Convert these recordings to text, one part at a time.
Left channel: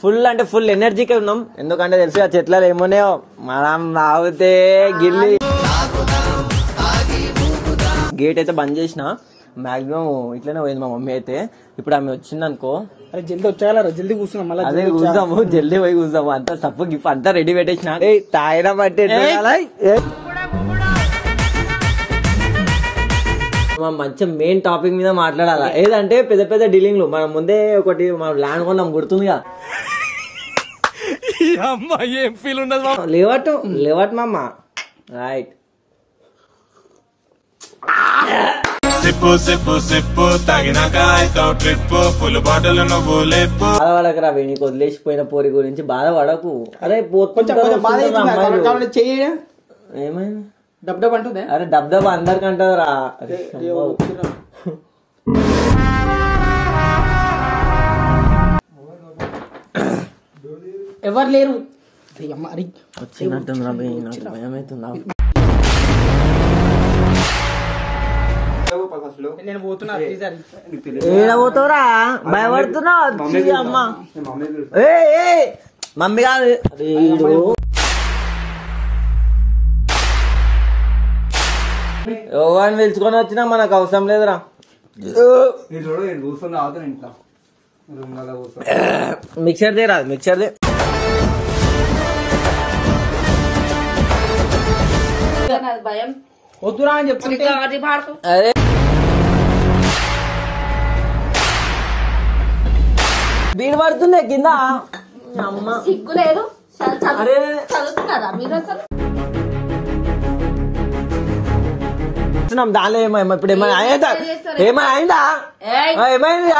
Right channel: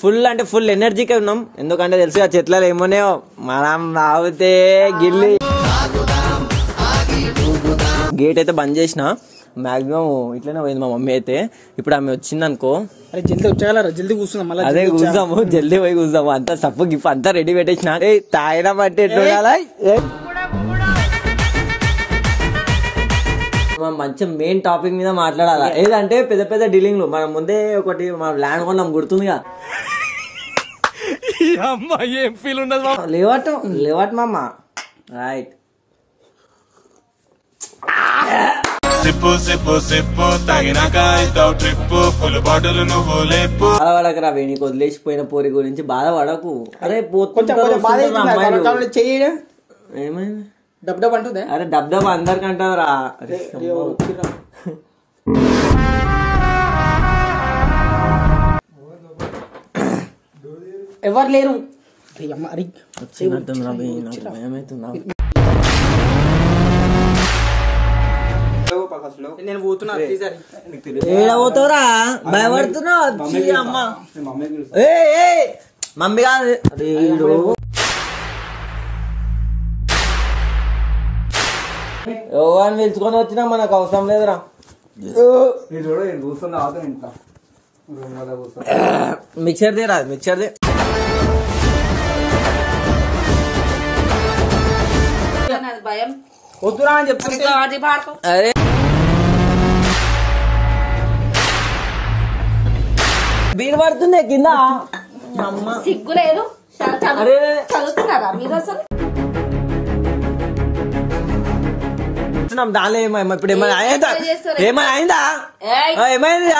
Full అంటే full ఎనర్జీకి ఉన్నాం. ఎందుకంటే తెలుసు ఆ చెట్లలో ఏమోనే మనం రావుతే గిల్లి గేట్ అయితే బంద్ చేసిన మాక్సిమం ఇట్లనే పోయింది మా మమ్మీ అయితే. ఇప్పుడు ఆమె వచ్చింది అనుకో, అరే జల్దీ వచ్చేయాల, జల్దీ కూర్చున్నాం. అదే కూర్చాము, జల్దీ పోయి కూర్చాము. అంతా సప్పు గిఫ్ అంతా రెడీ పెట్టేసిన. తాయినా బట్టి మంచి మెయిన్ టాపిక్ మీద మాట్లాడాలా. ఏదంటే పెద్ద పెద్ద డీలింగ్లు. మనం ముందే ఒకటి మా ల్యాండ్ కొన్నాం, గుర్తుందిగా. ఏం ఫీల్ ఉండదు లేవట్ మామ. రైట్, సిప్పు సిప్పు సిప్పు తాగినాక అవుతావు ట్రిప్ ఫుల్ బాటిల్ నువ్వు లేపు. బాధపడకరా, నీకు వదిలేసిపోయిన పోరి గురించి బాధపడకు. అరే ఏమైంది డబ్ డబ్ అంటుందా? అరే డబ్ డబ్ అందరికి అంటారా. ఎవరు లేరు. వచ్చినట్టుందిరా, భయమవుతుందా? నేను పోతున్నా. ఏడ పోతావురా, భయపడుతున్నావు. అమ్మ మమ్మీ కాదు ఎవరిని పిలుచుకొని వచ్చినా మనకు అవసరం లేదురా. మిక్సర్ దే రాదు, మిక్సర్ దే. వద్దురా అని చెప్తుంటే అరే బీరు పడుతున్నాయి కింద. సిగ్గు లేదు. చదువుతున్నారా మీరు అసలు? దానిలో ఏమైనా ఇప్పుడు ఏమైనా అయిందా? ఏమైనా అయిందా? ఏమైంది?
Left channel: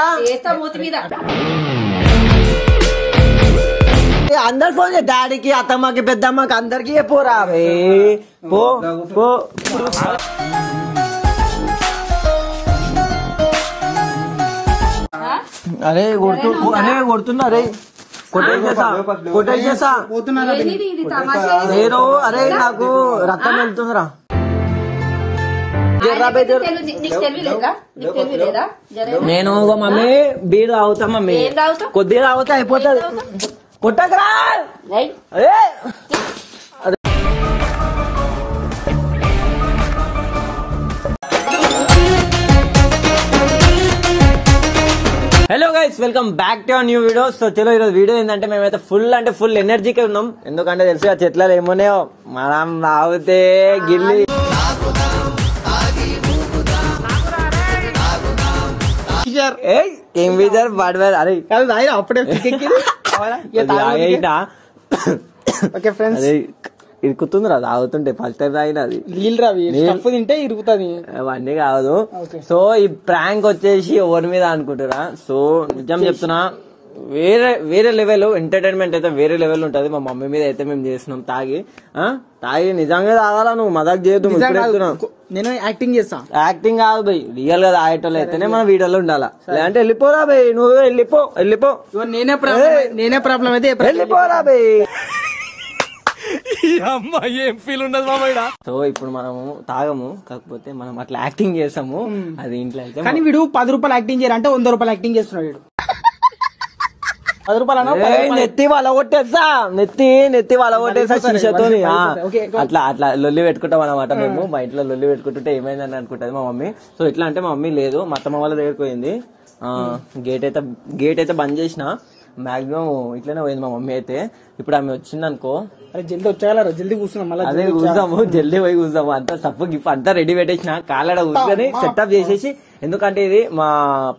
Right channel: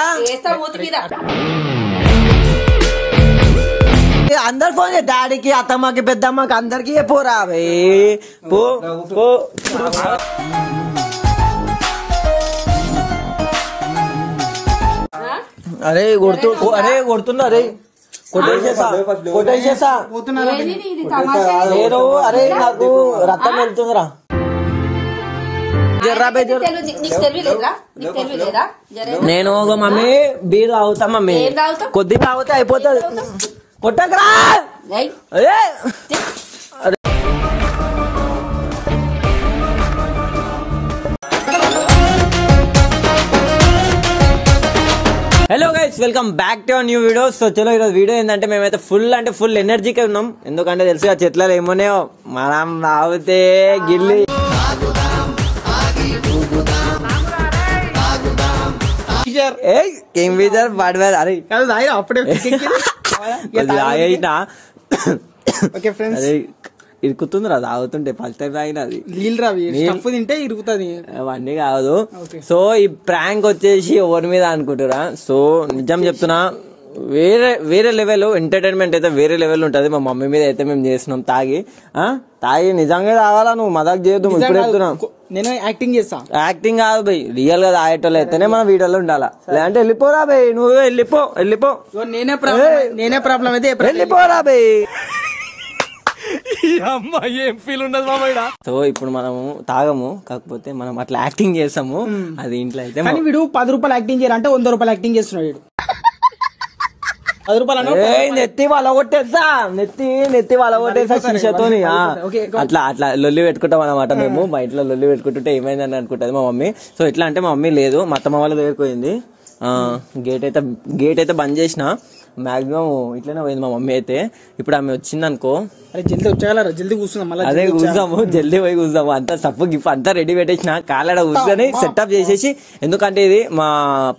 అందరు ఫోన్ చే, డాడీకి, అత్తమ్మకి, పెద్దమ్మకి, అందరికి పోరా పో పో. అరే కొడుతుందా? అరే కొట్టేసేసా. లేరు. అరే నాకు రక్తం వెళ్తుందిరా. నేను మమ్మీ బీరు తాగుతా మమ్మీ, కొద్దిగా తాగుతా అయిపోతుంది. కొట్టకరా. Hello guys, welcome back to new video. So చలో ఈరోజు వీడియో ఏంటంటే మేమైతే ఫుల్ అంటే ఫుల్ ఎనర్జీకి ఉన్నాం. ఎందుకంటే తెలుసు ఆ చెట్లలో ఏమోనే మనం రావుతే గిల్లి ఏం బీజర్ పడలేదు. అరే అప్పుడే ఇరుకుతుందిరా తాగుతుంటే. ఫస్ట్ టైం తాగినది నీళ్ళు రావి తింటే ఇరుగుతుంది, అవన్నీ కాదు. సో ఈ ప్రాంక్ వచ్చేసి ఎవరి మీద అనుకుంటారా. సో నిజం చెప్తున్నా, వేరే లెవెల్ ఎంటర్టైన్మెంట్ అయితే వేరే లెవెల్ ఉంటది. మా మమ్మీ మీద అయితే మేము చేస్తున్నాం తాగి నిజంగా తాగాలా. నువ్వు మదక్ చేయొద్దు. నేను యాక్టింగ్ చేస్తా. యాక్టింగ్ కాదు బయ్, రియల్ గా తాగేటోళ్ళు అయితేనే మన వీడియోలో ఉండాలా. లేదంటే వెళ్ళిపోరా బయ్, నువ్వు వెళ్ళిపో. నేనే ప్రాబ్లం అయితే వెళ్ళిపోరా బయ్. ఏం ఫీల్ ఉండదు మామయ్య. సో ఇప్పుడు మనము తాగము, కాకపోతే మనం అట్లా యాక్టింగ్ చేస్తాము. అది ఇంట్లో అయితే. కానీ వీడు 10 రూపాయలు యాక్టింగ్ చేయాలంటే 100 రూపాయలు యాక్టింగ్ చేస్తున్నాడు వీడు. 10 రూపాయలు నెత్తి వలగొట్టేస్తా, నెత్తి వలగొట్టేస్తా శిక్షతోని. అట్లా లొల్లి పెట్టుకుంటాం అనమాట. మేము మా ఇంట్లో లొల్లి పెట్టుకుంటుంటే ఏమైందని అనుకుంటది మా మమ్మీ. సో ఇట్లా అంటే మా మమ్మీ లేదు, మా అత్తమ్మ వాళ్ళ దగ్గరికి పోయింది. గేట్ అయితే బంద్ చేసిన మాక్సిమం ఇట్లనే పోయింది మా మమ్మీ అయితే. ఇప్పుడు ఆమె వచ్చింది అనుకో, అరే జల్దీ వచ్చేయాల, జల్దీ కూర్చున్నాం. అదే కూర్చాము, జల్దీ పోయి కూర్చాము. అంతా సప్పు గిఫ్ అంతా రెడీ పెట్టేసిన. కాలడ కూర్చొని సెటప్ చేసేసి, ఎందుకంటే ఇది మా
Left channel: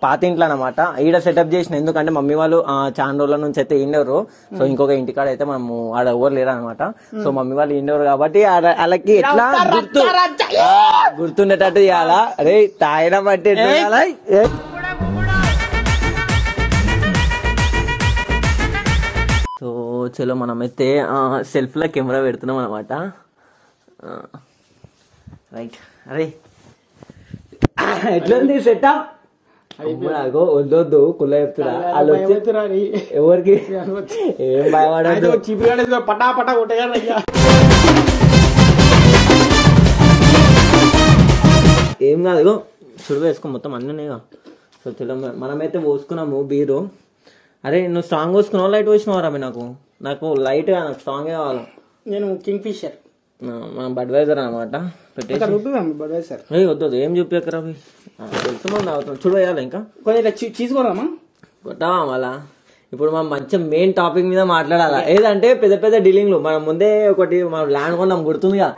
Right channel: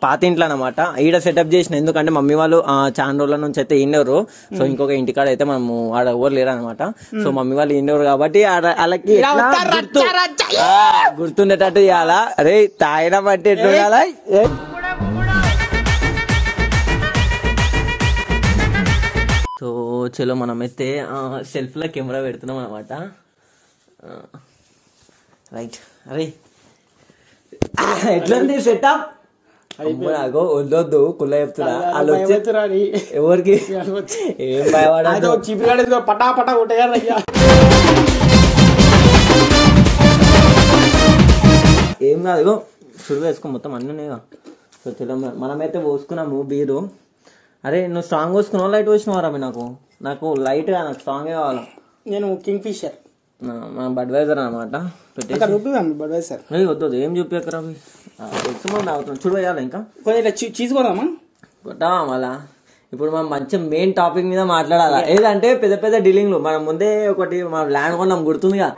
పాత ఇంట్లో అనమాట. ఈడ సెటప్ చేసిన. ఎందుకంటే మమ్మీ వాళ్ళు చాలా రోజుల నుంచి అయితే ఇండెవరు. సో ఇంకొక ఇంటికాడ అయితే మనము ఆడ ఎవరు లేరు అనమాట. సో మమ్మీ వాళ్ళు ఇండెవరు కాబట్టి వాళ్ళకి ఎట్లా గుర్తుండేటట్టు చేయాలా. అరే తాయినా బట్టి ఎట్లా చేయాలా. సో చలో మనమైతే సెల్ఫ్ లో కెమెరా పెడుతున్నాం అనమాట. రైట్. అరే ఎట్లుంది సెటప్? అగో వద్దొద్దు కుల్ల చెప్తున్నా. వాళ్ళు వచ్చి ఎవరికి ఏం భయపడదు. పటా పటా కొట్టేయాలి. ఏం కాదు, చురుగు వేసుకో మొత్తం అన్నీ. సో చలో మనమైతే పోసుకున్నాము బీరు. అరే నువ్వు స్ట్రాంగ్ వస్తున్నావు లైట్ వచ్చినావు రవి నాకు లైట్ నాకు స్ట్రాంగ్ కావాలి. నేను కింగ్ ఫిషర్ మన బడ్వైజర్ అనమాట బడ్వైజర్ వద్దు ఏం చూపించక రవి తెలుసు తాగుతున్నాం చూడు వేయాలి ఇంకా కొద్దిగా చీజ్ కొడదామా కొట్టావా మళ్ళా. ఇప్పుడు మనం మంచి మెయిన్ టాపిక్ మీద మాట్లాడాలా ఏదంటే పెద్ద పెద్ద డీలింగ్లు మనం ముందే ఒకటి మన ల్యాండ్ కొన్నాం గుర్తుందిగా.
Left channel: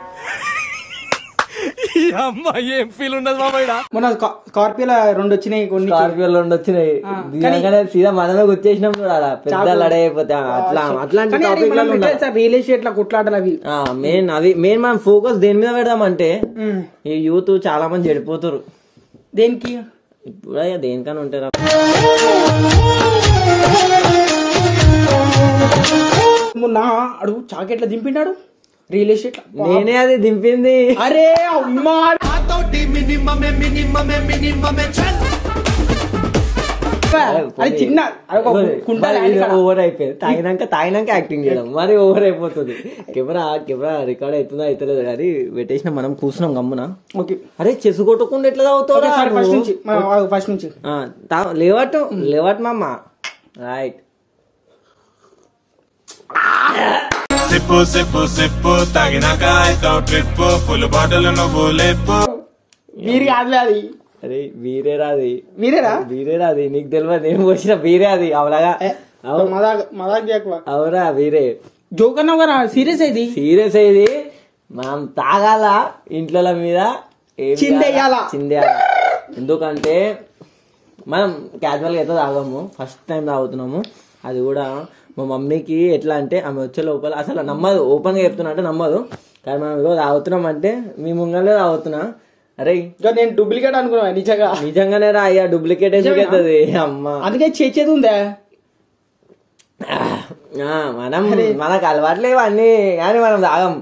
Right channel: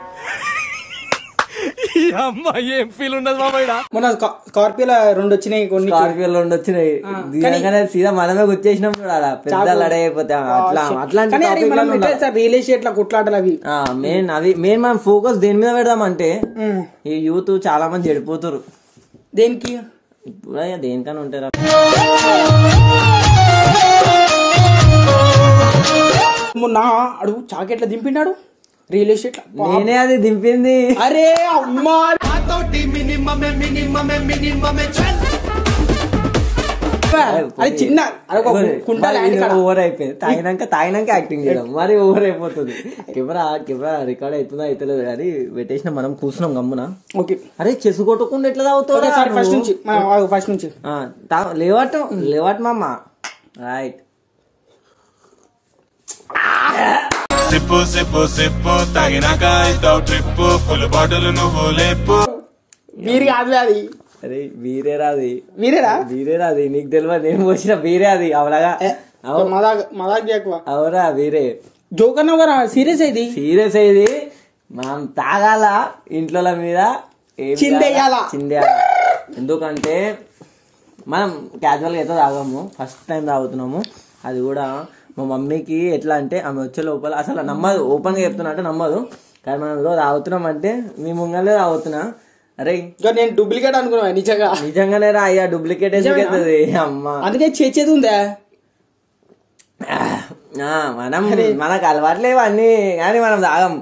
ఏం ఫీల్ ఉండదు మామయ్య. మన స్కార్పియోలో 2 వచ్చినాయి కొన్ని స్కార్పియోలో 2 వచ్చినాయి దిగగానే సీదా మనమే గుర్చేసినాం చూడాలా పెద్ద లడే అయిపోతా అట్లాంటి టాపిక్ రియల్ ఎస్టేట్ కొట్లాటలు అవి మెయిన్ మనం ఫోకస్ దేని మీద పెడదామంటే ఈ యూత్ చాలా మంది చెడిపోతారు. దేనికి ఇప్పుడు దేనికన్నా ఉంటారా మొన్న అడుగు చాకెట్లా దింపిండాడు రియల్ ఎస్టేట్ నేనే అది దింపింది. అరే అమ్మా అది చిన్న ఓవర్ అయిపోయింది. తాగినాక యాక్టింగ్ చేయడం మరి ఓవర్ అయిపోతుంది. కెమెరా రికార్డ్ అవుతుందో అవుతలేదు కానీ పెట్టేసిన మనం కూర్చున్నాం గమ్మున. ఓకే అరే చెస్ కొట్టుకుంటే ఎట్లా తాగుతావు ఫస్ట్ నుంచి లేవట్ మామ రైట్. సిప్పు సిప్పు సిప్పు తాగినాక అవుతావు ట్రిప్ ఫుల్ బాటిల్ నువ్వు లేపు. మీరు కాదు అది అరే వీరే రాది నీకు తెలియదు నేను వచ్చిన వీరే అది అవలాగా అవురా వీరే జోక్ అన్నా సీరియస్ అయింది మనం తాగాల ఇంట్లో మీద చిందేయాల. ఎందుకంటే మనం క్యాజువల్ గా అయితే తాగాము ఫస్ట్ టైం తాగుతున్నాము. అది కూడా మా మమ్మీకి ఎట్లా అంటే ఆమె వచ్చే లోపల అసలు నమ్మదు, ఓపెన్ గా చెప్తున్నా అంటే నమ్మదు. కానీ మనం ఏదో తాగుతున్నాం అంటే మీ ముంగలే తాగుతున్నా. అరే నేను డూప్లికేట్ అనుకున్నా నిజంగానే రా అయ్యా డూప్లికేట్ అవుతుంది అమ్మ. అందుకే చేసేది ఉందా మనకు అలవాట్లేవు అన్ని కానీ మనం తాగం.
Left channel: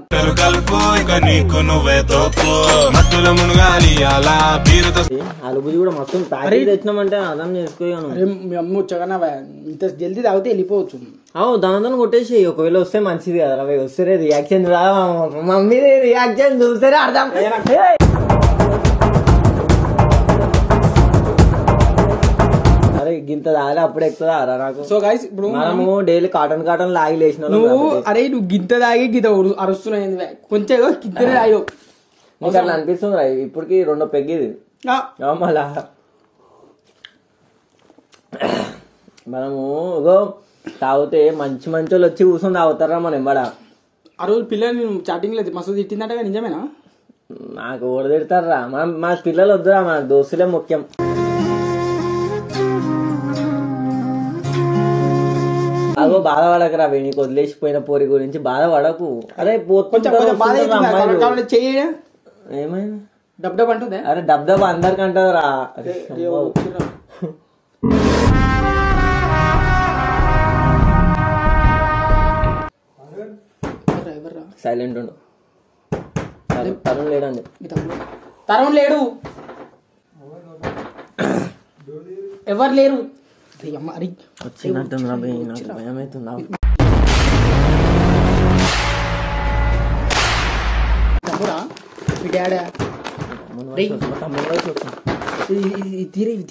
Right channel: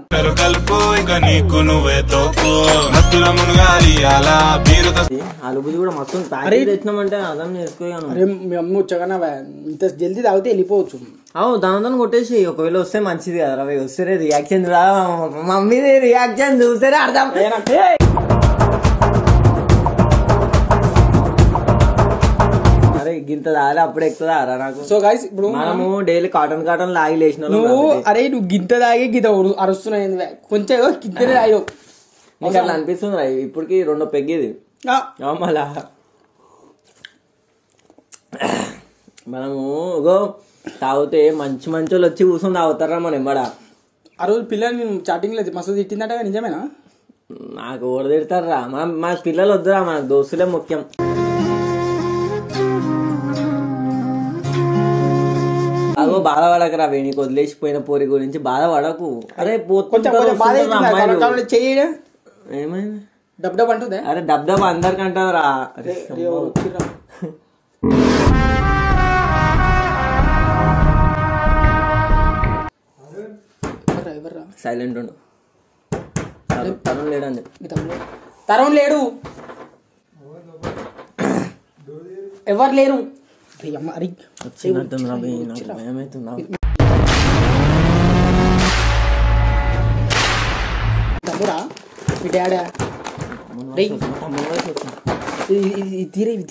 కలుపు ఇక నీకు నువ్వే తోపు మత్తుల మునగాలి అలా బీరుతో అలుబుది కూడా మొత్తం ప్యాకేజ్ తెచ్చినామంటే అర్థం చేసుకోను. మీ అమ్మ వచ్చాగా ఇంత జల్దీ తాగితే వెళ్ళిపోవచ్చు. దాని కొట్టేసి ఒకవేళ వస్తే మంచిది కదా రవి. వస్తేనే రియాక్షన్ రా మమ్మీ రియాక్షన్ చూస్తేనే అర్థం. అరే గింత తాగాలి అప్పుడు ఎక్కువ రా నాకు. సో గైస్ ఇప్పుడు మనము డైలీ కాటన్ లాగి లేచిన అరే నువ్వు గింత తాగి గింత అరుస్తున్నాయి కొంచెం గింత తాగి నీకు అట్లా అనిపిస్తుంది రా. ఇప్పటికి 2 పెగ్గిది మళ్ళా మనము తాగితే మంచి వాళ్ళు వచ్చి కూర్చొని తాగుతారా మనం ఎంబడ. ఆ రోజు పిల్లలు నేను చాటింగ్ లేదు మస్తు తిట్టిందంట నిజమేనా? నాకు ఓడ తిడతారా మా పిల్లలు వద్దురా మన దోస్తులే ముఖ్యం. అగో బాధపడకరా నీకు వదిలేసిపోయిన పోరి గురించి బాధపడకు. అరే ఏమైంది డబ్ అంటుందా? అరే డబ్ అందరికి అంటారా. సైలెంట్ ఉండు. తరుణ్ లేడండి. తరుణ్ లేడు, ఎవరు లేరు. వచ్చినట్టుందిరా నాకు భయం అవుతుందా. తమ్ముడా మీ డాడా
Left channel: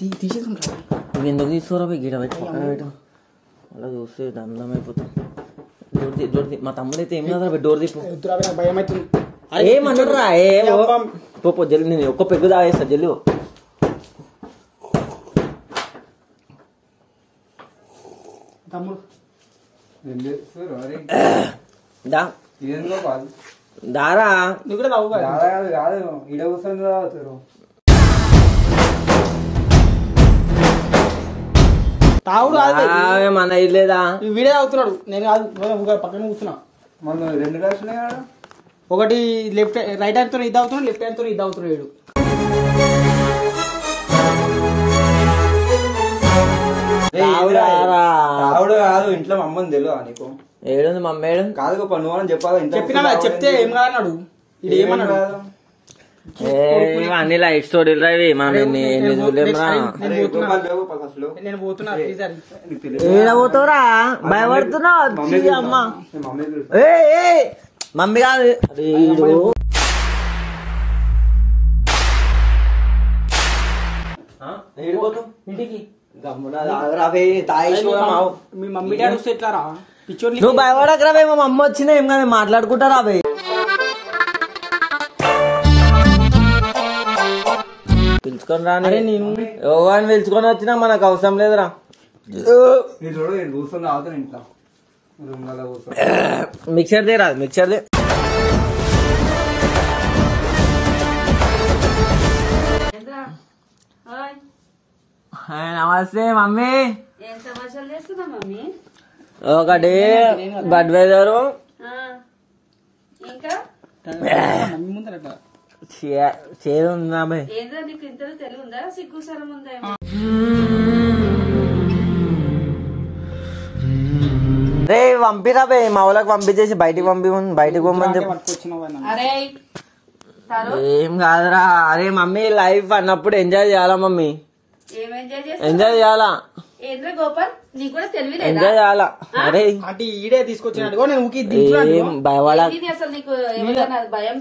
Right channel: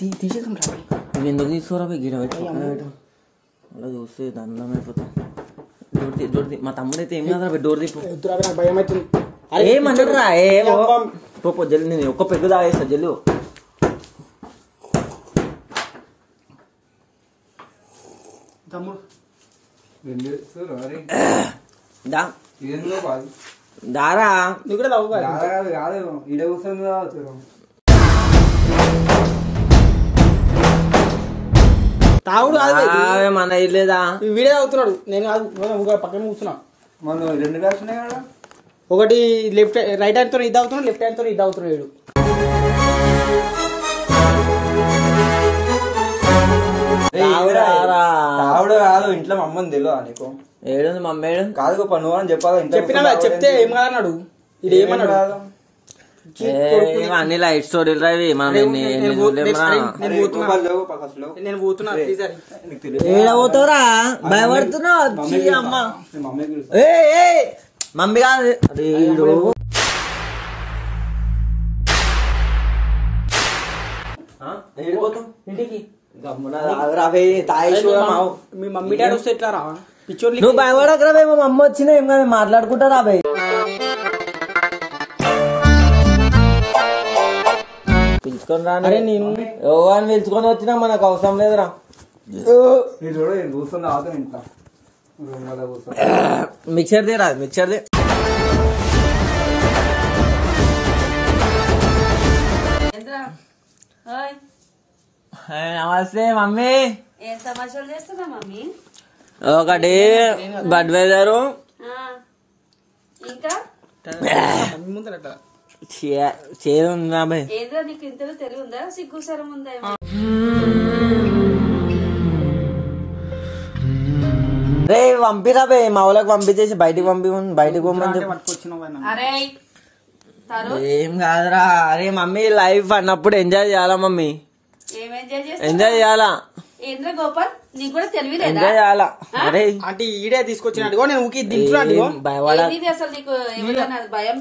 తీసేసుకుంటా. నువ్వు ఎందుకు తీసుకోరా గిడ పెట్టి అలా చూస్తే దండం అయిపోతాం. డోర్ మా తమ్ముడు అయితే ఏం కాదు డోర్ తీసుకో. భయం అవుతుంది. ఏమన్నారా పో జల్లి నేను ఒక్క పెగ్గు తాగేస్తా జల్లి. తమ్ముడు దారా నువ్వు కూడా తాగు తాగుడు మన ఇల్లేదా వీడే తాగుతున్నాడు. నేను కాదు పక్కన కూర్చున్నా. ఒకటి లెఫ్ట్ రైట్ హ్యాండ్ తో ఇది అవుతున్నాడు, లెఫ్ట్ హ్యాండ్ తో ఇది అవుతున్నాడు. తావుడు కాదు ఇంట్లో మా అమ్మని తెలియదు నీకు. ఏడుంది మా అమ్మ ఏడు కాదు గొప్ప నువ్వు అని చెప్పాలి. చెప్పినా చెప్తే ఏం కాదన్నాడు. ఇది ఏమన్నాడు? అన్ని లైఫ్ స్టోరీలు రావి మనం ఎన్ని చూడలేమరా. నేను పోతున్నా ఏడబోతావురా భయపడుతున్నావు అమ్మ. మమ్మీ కాదు ఇంటికి మీ మమ్మీ డాడీ వస్తే ఎట్లా రా పిచ్చోళ్ళు నువ్వు భయపడక రాబే, మా అమ్మ వచ్చినా ఏం కదా మాట్లాడుకుంటా రాబే. పిలుచుకొని రా. అరే నేను యోగాన్ని పిలుచుకొని వచ్చినా మనకు అవసరం లేదురా. కూర్చొని ఆగుతాను ఇంట్లో మిక్చర్ దే రాదు, మిక్చర్ దే. నమస్తే మమ్మీ. ఏం సమాచారం చేస్తున్నా మమ్మీ? ఒకటి బడ్వైజరు, ఇంకా మమ్మీ ముందర అట్లా చేదు ఉందా బాయ్? ఏంద్రా నీకు ఇంత తెలివి ఉందా? సిగ్గుసరం ఉందా? రే పంపిరా బే, మా వాళ్ళకి పంపించేసి బయటికి బయటికి పంపని చెప్పు. పట్టుకొచ్చినావు అరే ఏం కాదురా. అరే మమ్మీ లైఫ్ అన్నప్పుడు ఎంజాయ్ చేయాలా మమ్మీ, ఏం ఎంజాయ్ చేస్తా? ఎంజాయ్ చేయాలా, ఏంద్ర గోపాల్ నీకు కూడా తెలివి ఎంజాయ్ చేయాలా. అరే అంటే ఈడే తీసుకొచ్చినట్టు నేను ఊకి దించున్నాడు. ఏం భయపడ. ఇది అసలు నీకు ఎవరైనా భయం?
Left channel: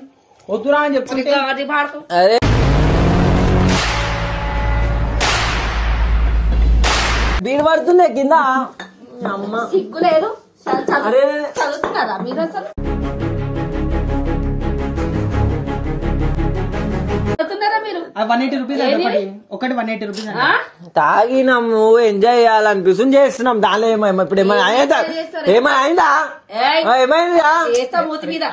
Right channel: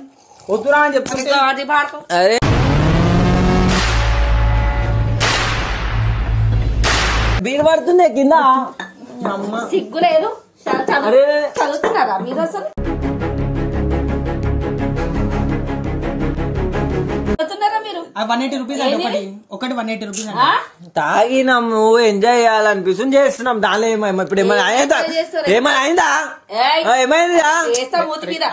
వద్దురా అని చెప్తుంటే అది పాడుకో. అరే బీరు పడుతుండే కింద. సిగ్గు లేదు, చదువుతున్నారా మీరు అసలు? చదువుతున్నారా మీరు? 180 రూపీస్ ఒకటి 180 రూపీస్ అంట. తాగినాం, నువ్వు ఎంజాయ్ చేయాలనిపిస్తుంది చేస్తున్నాం. దానిలో ఏమైనా ఇప్పుడు ఏమైనా అయిందా? ఏమైనా అయిందా? ఏమైందా? చేస్తా మూతి మీద.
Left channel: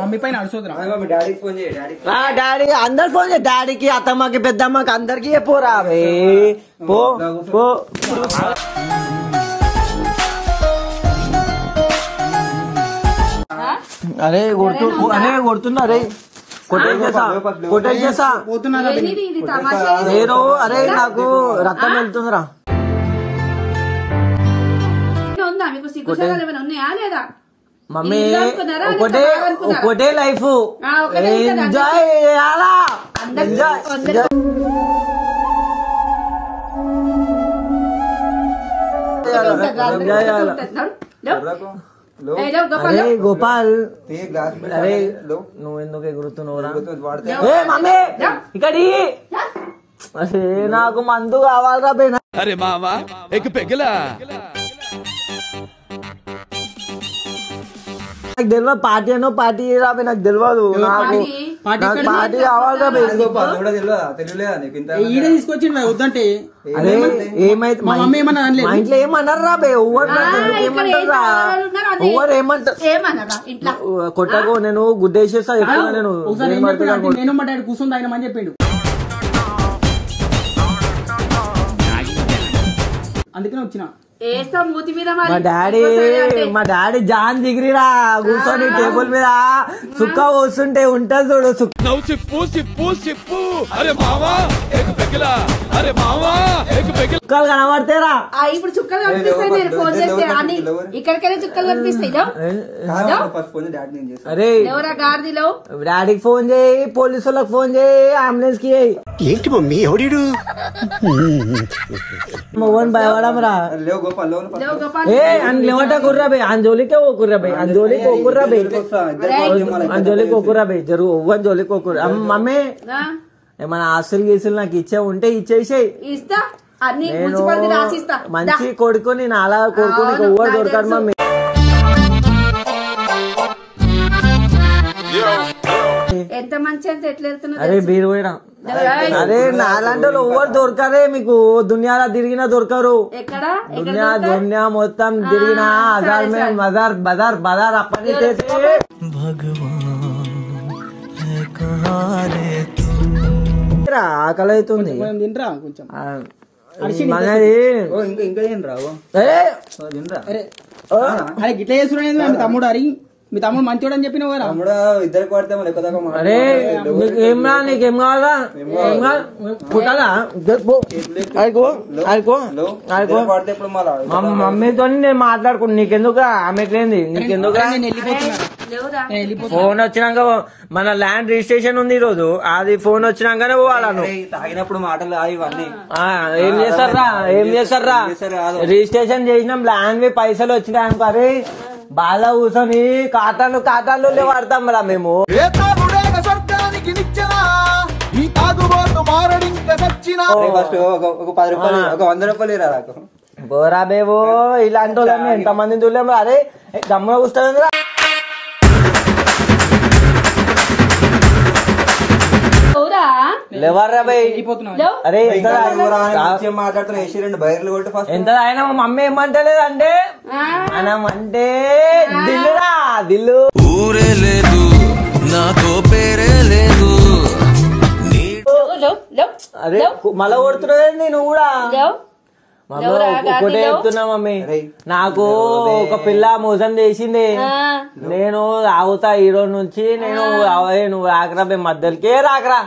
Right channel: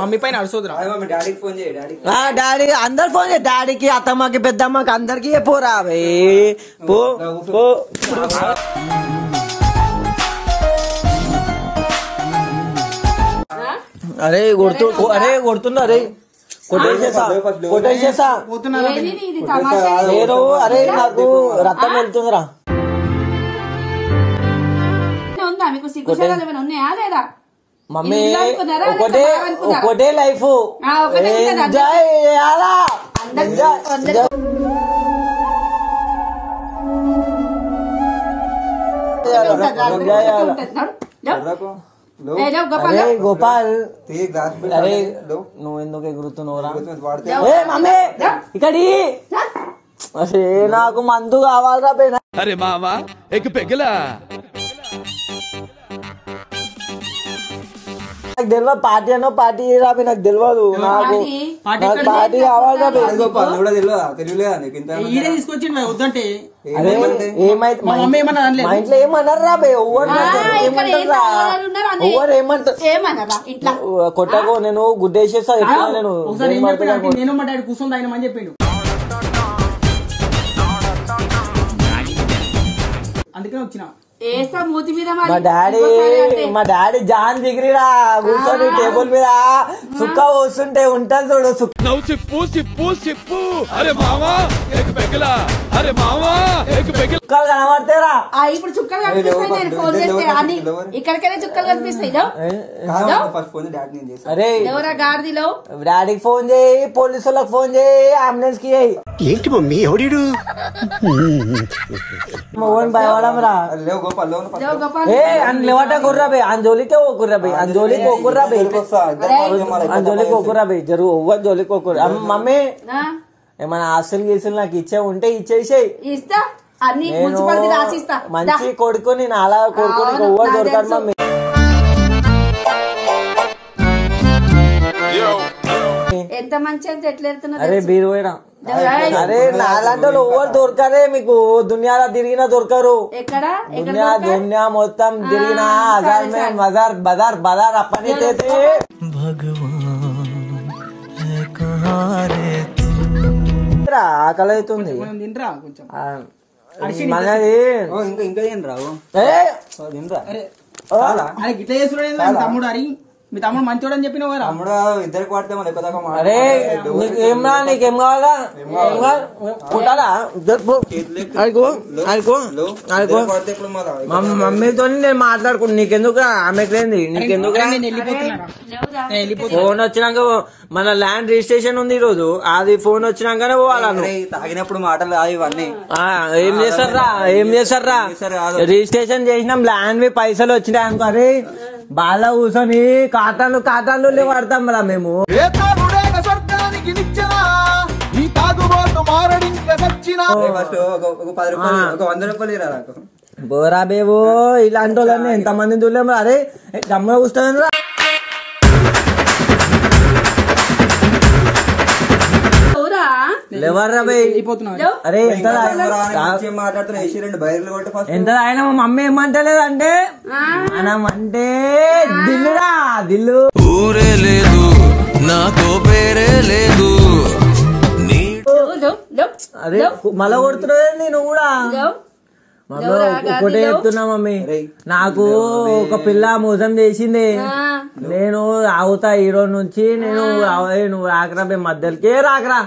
మమ్మీ పైన అడుసోదురా. డాడీకి ఫోన్ చేయి. డాడీ అందరు ఫోన్ చేయి, డాడీకి అత్తమ్మకి పెద్దమ్మకి అందరికి పోరా పో పో. అరే కొడుతున్నా అరే కొట్టేసేసా పోతున్నారా? ఏంది ఇది తమాషా? నేను అరే నాకు రక్తం వెళ్తుందిరా. ఉందా మీకు సిగ్గుసరాలు ఏమైనా ఉన్నాయా లేదా? మమ్మీ ఇల్లు అనుకున్నారా? ఒకటే లేకపోతే అనుకున్నారా? ఒకటే లైఫ్ ఒకటే ఉంటుందా? ఎంజాయ్ చేయాలా. అరే గోపాల్, అరే నువ్వు ఎందుకు ఎగురుతున్నావురా? ఏ మమ్మీ ఇక్కడి అసే నాకు మందు కావాలరా బే. అరే మావా ఎక్ పెగలా. నాకు తెలియదు పార్టీ అనో పార్టీ రాబే, నాకు తెలియదు. నాకు పార్టీ కావాలరా బే. కూడా తెలియలేదా నీకు ఇంత? ఈడే తీసుకొచ్చిండు వద్దంటే. అరే ఏమైతే మా ఇంట్లో ఏమన్నారు రా బే? ఏమంటారా ఎవరు ఏమంటారు? ఏమన్నారా ఇట్లా? కొట్టకు, నేను గుద్దేసేస్తా చెప్తున్నా. నేను ఒకసారి నేను మా డాడీ కూర్చొని తాగినామని చెప్పిండు. అందుకనే వచ్చిన. వేస్తా మూతి మీద మా డాడీ జాన్ దిగిరిరా కూర్చొని టేబుల్ మీద సుక్క పోస్తుంటే ఉంటుంది చూడు. నవ్వు సిప్పు సిప్పు సిప్పు. అరే మావా ఎక్ పెగలా. అరే మావా ఎక్ పెగలా. సుక్కలు కనబడతారా? ఇప్పుడు చుక్కలు కనిపిస్తాయి. నేను ఫోన్ చేస్తే అన్ని ఇక్కడికైనా చుక్కలు కనిపిస్తాయి. అరే ఎవరా గాడిదిలో? డాడీకి ఫోన్ చేయి, పోలీసు వాళ్ళకి ఫోన్ చేయి, అంబులెన్స్ కి చేయి. ఏంటి మమ్మీ ఎవడీడు? మొగన్ భయపడం రా. ఏ లేవట కుర్రా బే, అంజోలికే ఓ కుర్రా బే, అంజోలికి ఓ కుర్రా బే, అంజోలికి ఓ కుర్రా బే. జరుగు ఒవ్వని జోలికి ఓ కుర్రా. మమ్మీ ఏమైనా ఆస్తులు గీసులు నాకు ఇచ్చే ఉంటే ఇచ్చేసేయి. ఇస్తా అన్ని నేను మంచి కొడుకు, నేను అలా కొడుకు నీకు ఎవ్వరు దొరకదు మమ్మీ. ఎంత మంచి అంత ఎట్లా వెళ్తున్నా? అరే బీరు పోయినా. అరే నాలాంటి వాళ్ళు ఎవ్వరు దొరకరే మీకు, దునియాలో తిరిగినా దొరకరు. ఎక్కడ దునియా మొత్తం తిరిగినా హజార్ మే మజార్ బజార్ బజార్ అప్పని ఆకలి అవుతుంది తినరా కొంచెం. మనది ఇంకా ఏం రావు. అరే గిట్లా చేస్తున్నాడు తమ్ముడు. అరి మీ తమ్ముడు మంచోడు అని చెప్పినావు కదా. తమ్ముడు ఇద్దరికి పడితే ఎక్కువ. అరే ఏమరా నీకేం కావాలా? ఏం కావాలి పుట్టాలా? మమ్మీతో నేను మాట్లాడుకున్నా. నీకెందుకు ఆమెట్లేంది? నీకెందుకు? ఫోన్ వచ్చినాక మన ల్యాండ్ రిజిస్ట్రేషన్ ఉంది ఈ రోజు, అది ఫోన్ వచ్చినాకనే పోవాలను. తాగినప్పుడు మాటలు ఇవన్నీ ఏం చేస్తారా? ఏం చేస్తారా? రిజిస్ట్రేషన్ చేసినాం, ల్యాండ్ పైసలు వచ్చినాయి అనుకో. అరే బాగా కూర్చొని కాటాలు లేవాడతాం రా మేము. దేనికి నిచ్చనా ఈ తాగుబోతు మారడింక సచ్చినా ఫస్ట్ ఒక 10 రూపాయలు ఒక 100 రూపాయలు ఇరా నాకు బోరా బేబో ఇలాంటి వాళ్ళని ఎంత మందిని చూడలేము. అరే గమ్మున కూర్చోండి లేవర్రా బై. అరే ఎంత మాట్లాడుతున్నా వేసి 2 బయర్లు కొట్టి ఫస్ట్ ఎంత ఆయన మా మమ్మీ ఏమంటలేదు అంటే మనం అంటే దిల్లురా దిల్లు ఊరే లేదు నాతో పేరే లేదు. అరే మళ్ళా కొడుతున్నదండి నువ్వు కూడా. ఒకటే చెప్తున్నా మమ్మీ, నాకు ఒక పిల్ల మోసం చేసింది. నేను ఆగుతా ఈ రోజు నుంచి. నువ్వు రాకరా బే మధ్యలోకే రాకరా.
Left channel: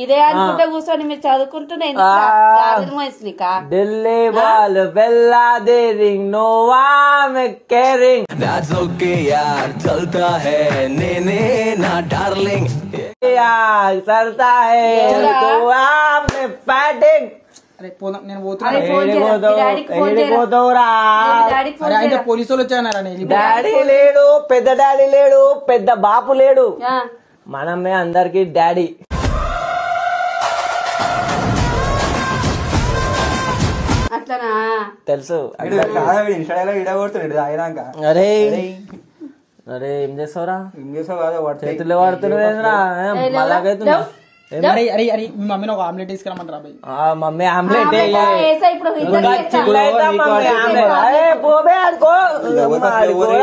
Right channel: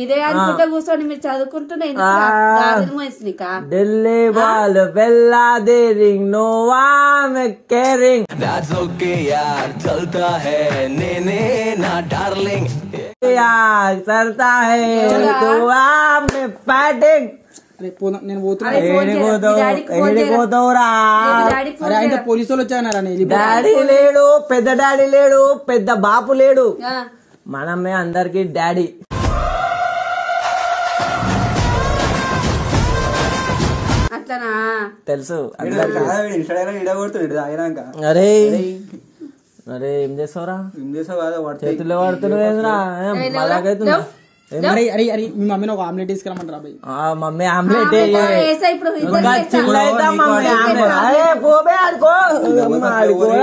ఇదే అనుకుంటా కూర్చొని మీరు చదువుకుంటున్నా ఢిల్లీ వాళ్ళు వెళ్ళాదే రింగ్ నోవా కేరింగ్ That's okay यार चलता है నేనే నా డార్లింగ్ करता है तो आपने बैटिंग. నేను పోలీసు వాళ్ళు వచ్చాయన్నారా? డాడీ లేడు, పెద్ద డాడీ లేడు, పెద్ద బాపు లేడు, మనమే అందరికి డాడీ. అట్లనా తెలుసు. ఇడగొడుతుంది తాగినాక. అరే అరే ఏం చేస్తావురా? ఏం చేసావు కాదు చేతుల్లో పడుతున్నావేంద్రా? మళ్ళాకైతున్నా. అరే మీ మమ్మీని ఒక ఆమ్లెట్ తీసుకురమ్మంటారా? మమ్మీ ఆమ్లెట్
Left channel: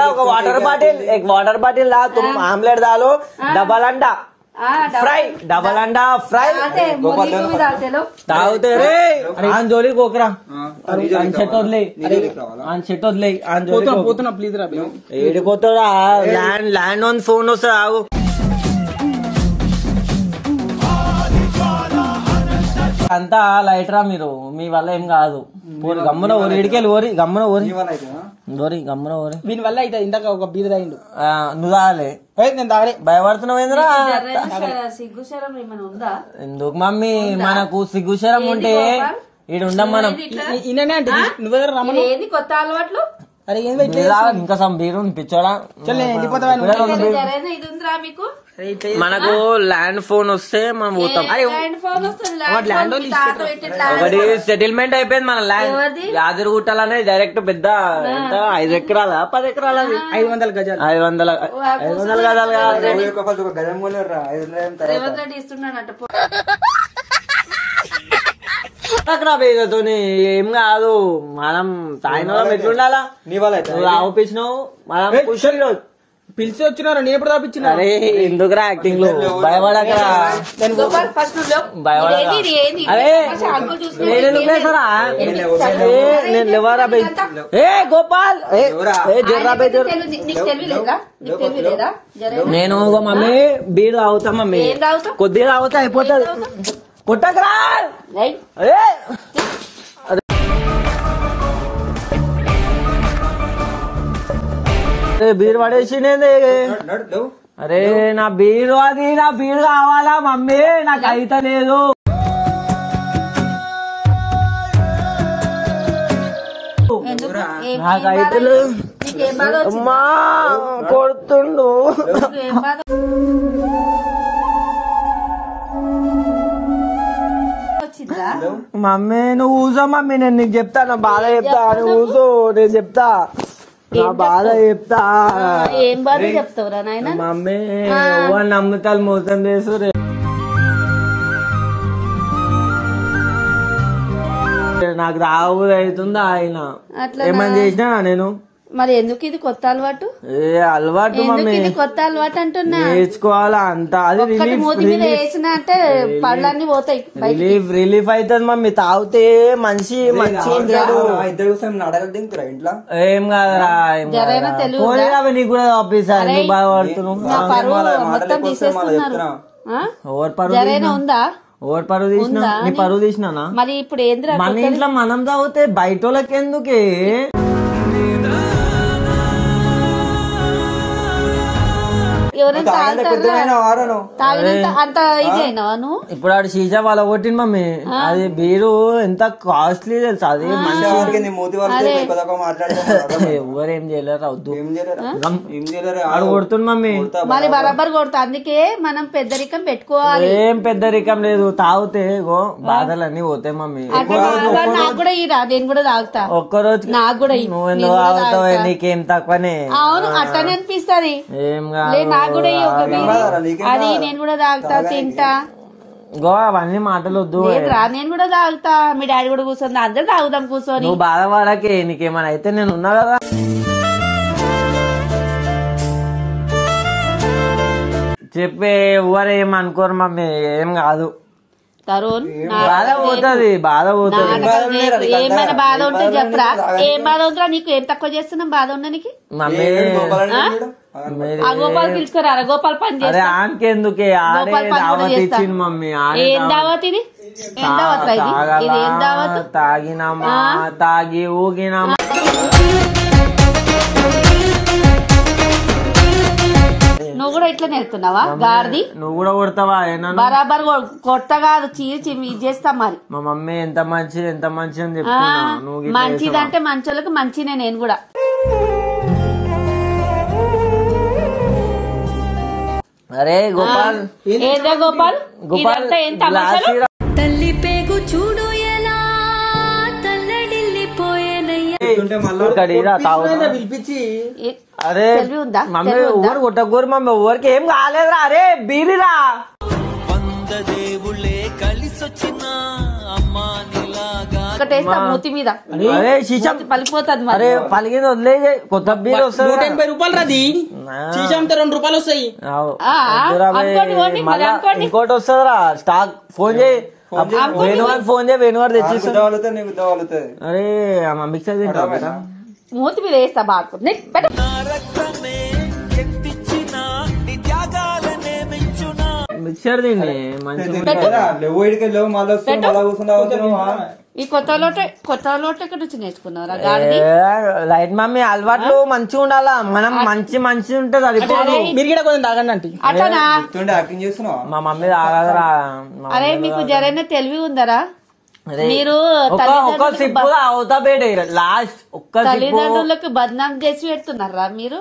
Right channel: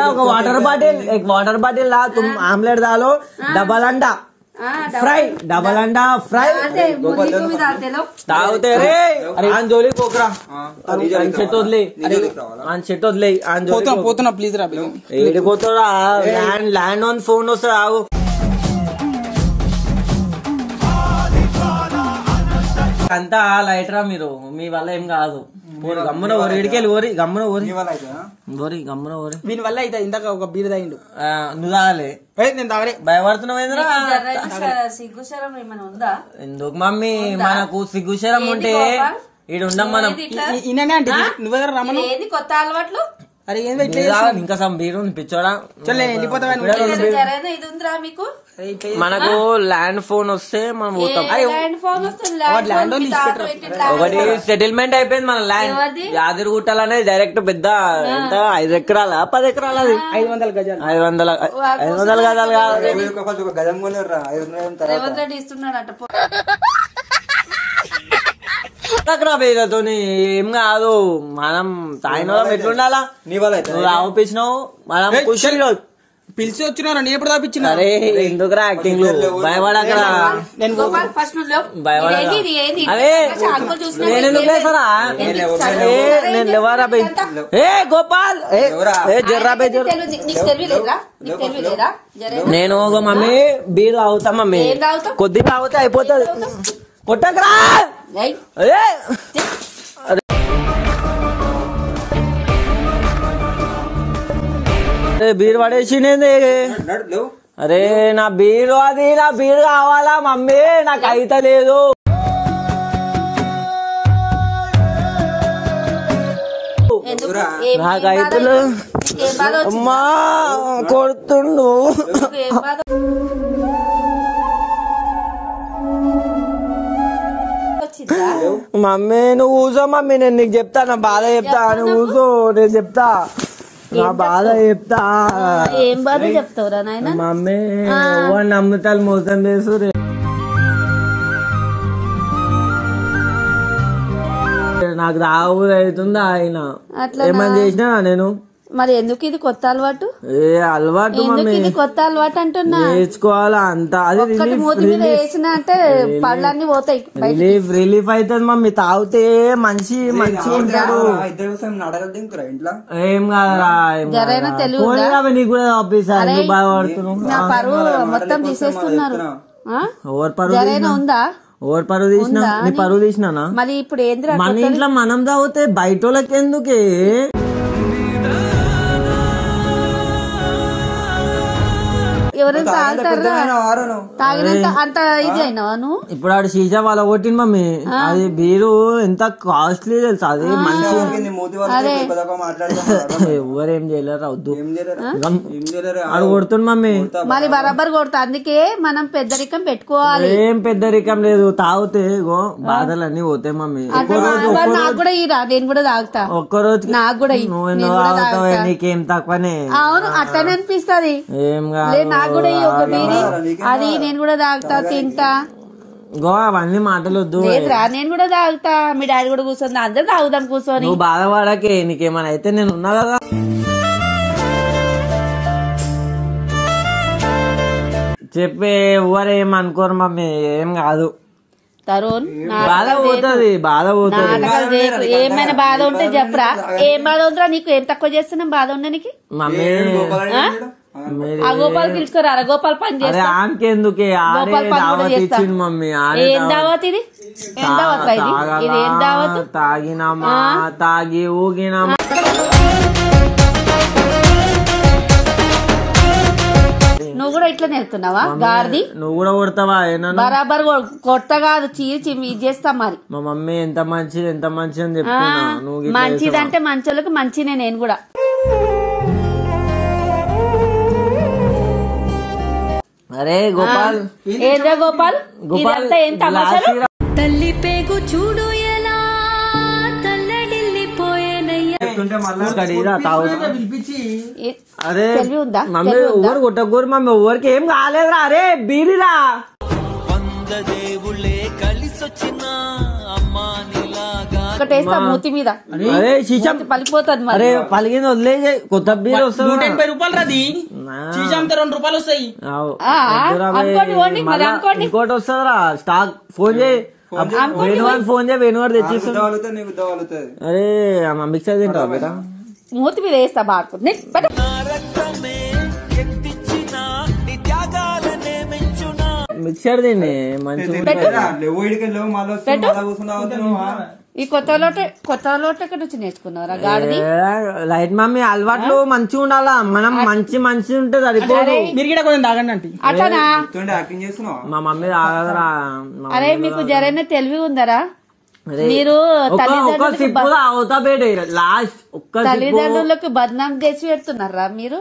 ఒక వాటర్ బాటిల్ లా తుమ్ ఆమ్లెట్ దాలో డబల్ అండా ఫ్రై డబల్ అండా ఫ్రై తాగుతే రే ఆంజోలి కోకరా చెట్టు వదిలే చెట్టు వదిలే పోతున్నా ప్లీజ్ రా. ఏడిపోతాడా? ల్యాండ్ ఆన్ ఫోన్ వస్తా ఆగు. అంతా లైట్ రా మీరు, మీ వల్ల ఏం కాదు. గమ్మున ఓరి ఇడికెళ్ళి ఓరి గమ్మున ఓరి గమ్మున ఓరి. వీని వల్ల అయితే ఇందాక ఒక బీర్ తాగిండు. నువ్వు తాగలే? నేను తాగలే. భయపడుతున్నావు ఏంద్రా? సిగ్గుశరం ఏమైనా ఉందా? ఎందుకు మమ్మీ, మనకు సిగ్గుశరం ఉంటే ఈడు ఉండం మనం. ఈయన అంటే నువ్వే రమ్మను. ఏంది కొత్త అలవాట్లు? అరే ఇంకా సమ్ బీరు పిచ్చోడా. వెళ్ళిపోతావా? ఇది ఉందిరా మీకు? మనకు ల్యాండ్ ఫోన్ వస్తే మనం పోతాం. ఒకటి సెటిల్మెంట్ అయిపోయింది మన ల్యాండ్. యాదగిరి గుట్టలనే డైరెక్ట్ పెద్ద 5 ఎకరాల 10 ఎకరాల 500 గజాలు 500 గజాలు కాదు. గజం కొనరా 500 ఇస్తున్నాడట. ఏం కాదు, మనం తాగిన వాళ్ళం ఎట్లుండాలా? నీ వల్ల ఆపిచ్చినావు మనం ఖుషిగా పిలిచి వచ్చినారా? నేను ఎప్పుడు తాపించిన? అరే ఎందుకురా యాక్టింగ్ భయపడకరా, నేనెందుకు లేసరా? నేను లేవరా బై. ఏ గోపాల్ జర్రా బై నేను మమ్మీ బీర్ తాగుతా మమ్మీ, కొద్దిగా తాగుతా అయిపోతుంది. కొట్టకరా బీర్ పడేసి. అరే నా బీరు అది, నా బీరు కావాలా మమ్మీ, నాకు అయితే లేదు. నాకైతే అమ్మా కొడుతుండు. మమ్మీ నువ్వు ఊసో మమ్మీ, నేను నీకు చెప్తా నా బాధ చెప్తా. నువ్వు ఊసో, నేను చెప్తా నా బాధ చెప్తా. ఏం బాధ చెప్తావురా నాయన? మమ్మీ వాళ్ళు నమ్ముతారు, మోసం చేస్తారు. నాకు రాబోదు అవుతుందా ఆయన ఏమని చేసినా నేను. మరి ఎందుకు ఇది కొత్త అలవాటు? అలవాటు మమ్మీ, ఇది కొత్త అలవాటు అంటున్నా. నేర్చుకోవాలా అంత. అది మూతి మీద వేసిన అంటే పళ్ళన్నీ పోతాయి. రిలీఫ్ అవుతుంది మమ్మీ, తాగితే మనిషి మంచి ఉంటాడు. ఏం కాదురా నీకు కూడా ఆఫీసా, ఎందుకు బాధపడుతున్నావు? మొత్తం తీసేస్తున్నారు. ఓవర్ పరువు ఉందా? ఓవర్ పరువు తీసినా, నీ పరువు తీసినా. మరి ఇప్పుడు ఏంద్రా, మన ఇంట్లో మనం తాగితే బయట వాళ్ళకి ఎందుకే? ఎవరైనా పెద్దమైన వారను తాగినంత అంత ఇది అయినావా నువ్వు? ఇప్పుడు ఆడు సీసా వాళ్ళ కొట్టింది మమ్మీ. అది బీరు ఎంత కాస్ట్లీ తెలుసు. అది మంచి మూతి వరకు మాట్లాడుతున్నా ఎవరేం చేయలేరు. అవద్దు ఏం చేయలేరు ఆడు కొడుతుంది మమ్మీ. మరి బరాబర్ కొడతా. అందుకే మనం పెద్దరికం పెట్టుకోవాలి. ఏం పెద్దరికం లేదు. తాగితే బాధలన్నీ పోతాయి మమ్మీ. నాకు కూడా ఇరా, నేను కూడా తాగుతా. ఒక్కరోజు నాకు కూడా నువ్వు ఎందుకు తాగుతావు? నీకేం తక్కువనే. అవును అట్లనే అనిపిస్తది. ఏం కాదు. నాకు కూడా ఒక బీరి అది నేను కూడా తాగుతా, తింటా. గో అవన్నీ మాటలు వద్దు. లేదురా, నేను కూడా తాగుతా. మీ డాడీ కూడా కూర్చొని అందరూ తాగుదాం కూర్చొని. నువ్వు బాధపడకే. నీకేమైనా అయితే నేను ఉన్నా కదా. చెప్పే ఎవరేం అనుకోరు మమ్మీ. ఏం కాదు. తరుణ్ బాధ పోతుంది. బాధ పోతుంది. ఏమైనా బాధ ఉంటే చెప్పరా. ఏం బాధ ఉందిరా నీకు? ఏం తక్కువ చేస్తున్నాం బాధ ఉండడానికి? మమ్మీ ఆ గోపాల్ పిలుచుకోరా. గోపాల్ పని అరే ఆమెకెందుకే? ఆడే దావత్ ఇచ్చింది మమ్మీ. ఆడే ఏం దావత్ ఇది? ఏం దావత్ రా ఇది? ఇది ఏం దావత్? తాగినామా తాగి ఊగినామా. నువ్వు కూడా ఇట్లా నేర్తున్నావా గాడిది? నువ్వు కూడా కొడతావా? బరాబర్ కొట్ట కాదు, చీచి ఇది చేస్తా. మరి మా మమ్మీ ఎంత మంచిది ఎంత మంచిది అని చెప్తున్నా. నువ్వు మంచిదంటే మంచోళ్ళకి మంచినే. నేను కూడా అరే గోపాల్. ఏదో గోపాల్ ఇదంతా ఏం తమాషా? తల్లి పేగు చూడు ఎలా తల్లడిల్లిపోయేనయ్యా. పిలిపించి అరే తెలివి ఉందా? మమ్మీ ఎవరు కొట్టకూరు మమ్మీ. ఎవరికి ఏం కాలేదురా. అరే బీరిరా. ఒకటేస్తా మూతి మీద. అరే శీషం పలిపోతుంది. మరి అరే పలిగింది వదిలే. కొత్త బీరు వస్తుంది. 180 రూపాయలు రాది. చీజంతా 2 రూపాయలు వస్తాయి. మళ్ళా ఇంకోటి వస్తుందిరా. స్టాక్ ఫోన్ చేయి. వేణువాడు ఫోన్ చేయి. వేణువాడు తెచ్చిస్తా. అరే మిక్సర్ తింటా బేటా. మూతి మీద వేస్తా బాగా. మిక్సర్ తిండి మంచిగా. ఈ కొత్త లోటు ఎక్కడ నుంచి నేర్చుకున్నారా? లైట్ మమ్మీ అలవాట్లు మంచిగా ఉండాలా. మనం మంచి ఉంటే సరిపోదు. మీరు కూడా కొంచెం తాగండి అంటే. అట్లనా? మా మమ్మీ తాగదరా. అరే మీకు జరైనా తెలివి ఉందరా? మీరు ఒక్క సిప్పు అవుతా బేట. లాస్ట్ ఒక్క తల్లిదండ్రులకు బద్నాం చేసి పెడుతున్నారా మీరు?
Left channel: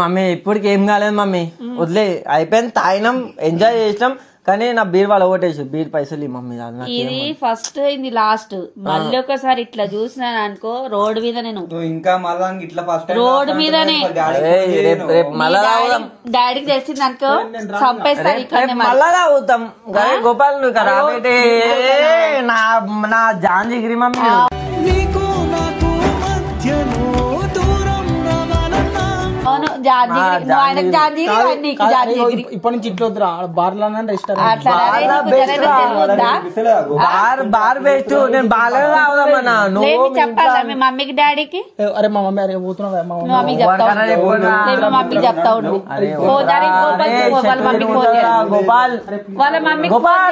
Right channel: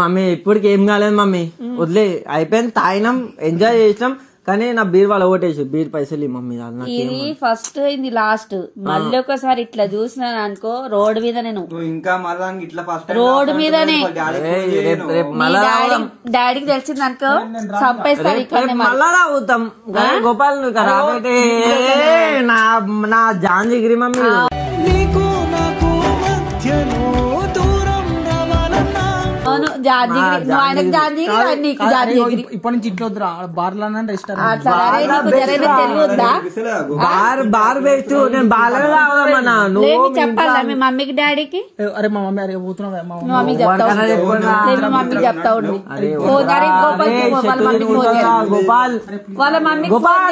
మమ్మీ ఇప్పటికి ఏం కాలేదు మమ్మీ. వదిలే అయిపోయింది. తాగినాం, ఎంజాయ్ చేసినాం. కానీ నా బీర్ వాళ్ళు ఓటేసి బీర్ పైసలు మమ్మీ. ఇది ఫస్ట్ ఇది లాస్ట్. మళ్ళీ ఒకసారి ఇట్లా చూసినాను అనుకో రోడ్డు మీద. నేను ఇంకా మళ్ళా ఇట్లా రోడ్డు మీదనే డాడీకి తెలిసింది అనుకో చంపేస్తారు. ఇక్కడ మళ్ళా తాగుతాం. గోపాల్ రాబేటే నా జాన్ జిగిరి మమ్మీ. నీకు నాకు మధ్యలో దూరం రావాలన్నా ఇప్పటి నుంచి ఇట్లా వద్దురా. బార్లో బార్ బెస్ట్. నేను బాగా తాగుదామన్నా. నువ్వు చెప్పాలా మీ మమ్మీకి డాడీకి? అరే మా మమ్మీ అరే పోతున్నావు. మమ్మీ చెప్తావు. గోపాల్ గోపాల్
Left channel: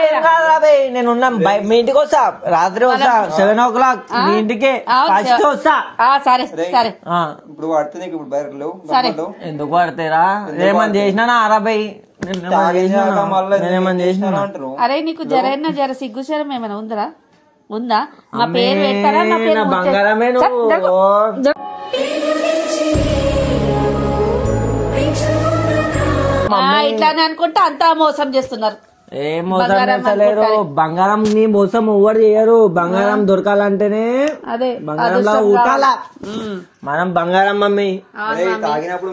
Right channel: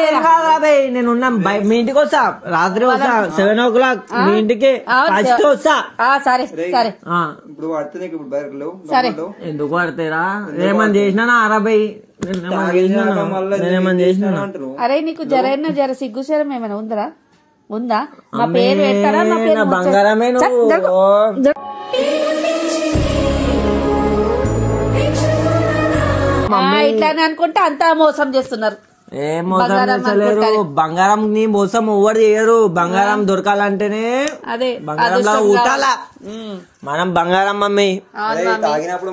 నేను ఉన్నాం. మీ ఇంటికి వస్తా. రాత్రి వస్తా 7 o'clock. మీ ఇంటికి ఫస్ట్ వస్తా. సరే సరే. ఇప్పుడు పడుతుంది. ఇప్పుడు బయటలో ఎందుకు పడతారా? ఏమని చేసినా అరబై. నేనేమని చేసినా? అరే నీకు జర సిగ్గుశరం ఏమైనా ఉందా? మా పేరు పెడతారా? నా పేరు బంగారమే. నువ్వు ఇట్లానే అనుకుంటే అంతా మోసం చేస్తున్నారు. ఏం మోసం చేస్తలేరు. బంగారం నీ మోసం ఎవరు చేయరు. బంగారం దొరకాలంటేనే అదే బంగారంలో ఊటాలా. మనం బంగారం మమ్మీ. తాగినప్పుడు